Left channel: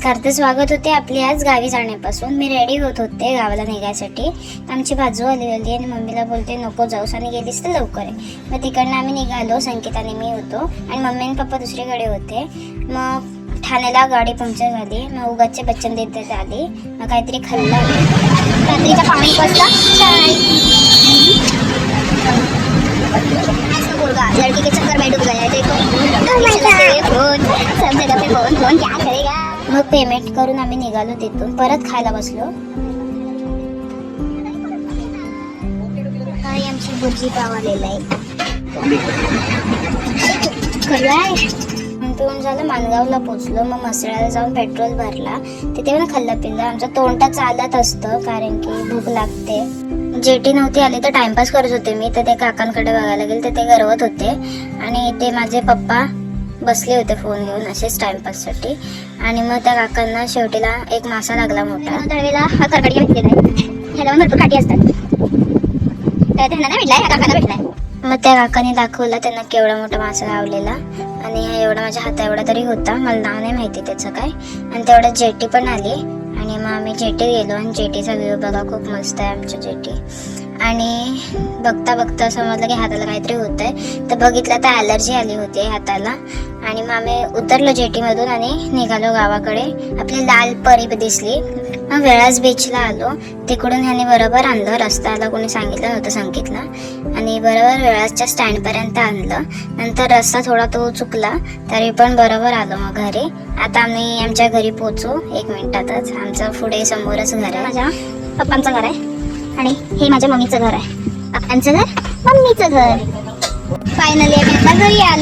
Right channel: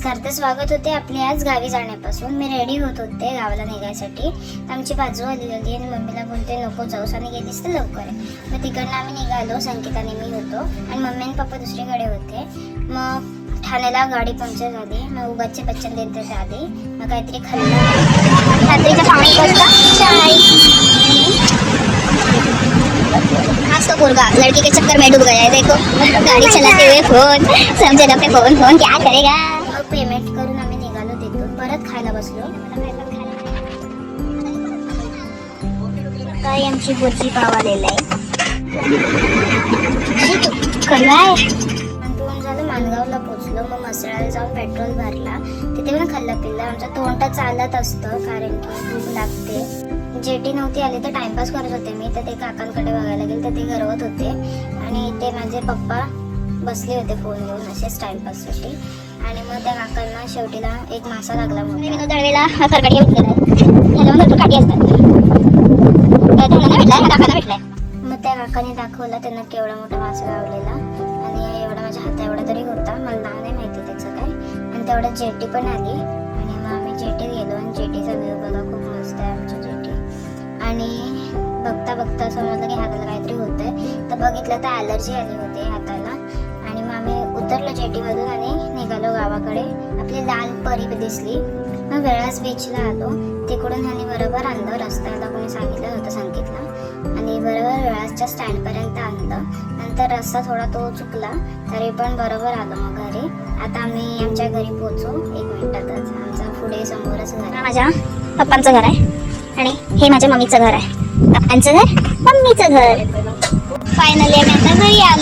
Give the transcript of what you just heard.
नमस्कार. तर स्वागत होते आपले आज गावी जाण्यापासून. मी रेडी होत होते गावाला निघायसाठी. आमची बाजू आली होती आणि मम्मीला बोलते नको जाऊस आणि गेलीस तर लवकर आहे. मग तिकडनं आम्ही निघालो. संकेताने मी होतो आणि मम्मी आणि पप्पा दुसरीकडे होते. मग ठाण्याला गाडी पंक्चर झाली. मग उगाचे बच्चन देत आले. मग काहीतरी खाल्लं. रात्रीच्या 5 वाजता चाय. आज तो मुलगा लड़की के चक्कर में डूब गया है. देखो गाड़ी चलाते हुए फोन, सब जगह पे फोन फोन क्या करेगा. मग पेमेंट करून आम्ही निघालो तिथून. परत खायला बसलो. काही आमची पुढची पाव आलेला आहे. नंतर झालं माणगावला पोचलो. मग मसळाला जाऊन पेट्रोल भरला. तिथे पण खाल्लं पिल्लं. आमचं तोंड चालत असतं कारण की भूक लागते. जेटी नव्हती आली तर टाइमपास करत होते मी. तर ते काकांकडे बघायला गेले तर ते गरवत होते आणि ते माझे पप्पा बसले होते फोन घेऊन असेच टाइमपाससाठी. आणि मग त्या काकांना शेवटीला एक मासा लागला मोठा. त्यावेळेला हा खरकाटी भेटलेला आहे. ह्याला भरपूर काठी असतात. त्यांना नाही भेटलाय, काकांना भेटलाय. मग त्या काकांनी दाखवला त्यांना केवढा मोठा मासा लावलेला. आणि हा एवढा माझ्या हाता एवढा तरी होता. मला नाव नाही माहिती त्याचं काय. आणि तेवढ्यात जेटी पण आली. आणि मग आम्ही जेटी गेलो आणि जेटीचा व्ह्यू बघा खूप मस्त आहे आमच्या जेटी. आणि बघता बघता समजलं की हाताला काहीतरी होत आहे. तर बघितलं तर ॲलर्जी आली होती हाताला. आणि मग आम्ही उतरलो जेटीमधून आणि निघालो गावाकडे. आपली लाल परी दिसली. मग वेळाच बीचला आलो. तिकडून ह्याने बरोबर आणलं. रस्त्याला कोणी सांगितलं नव्हतं संकेतला. आणि बरोबर वेळाच्या स्टँडपर्यंत आणलं. नंतर रस्ता थोडा तो चुकला तरी पण बरोबर आलो मग घरी. आता आम्ही आमच्या घरी पोहोचू 1 मिनिटातच. आमचं पुढे समोरच घर आहे. माझ्या पप्पांचं घर आहे आणि हे माझ्या मम्मीचं घर आहे. पप्पांचं घर, मम्मीचं घर. फायनली आम्ही आता घरी आलो.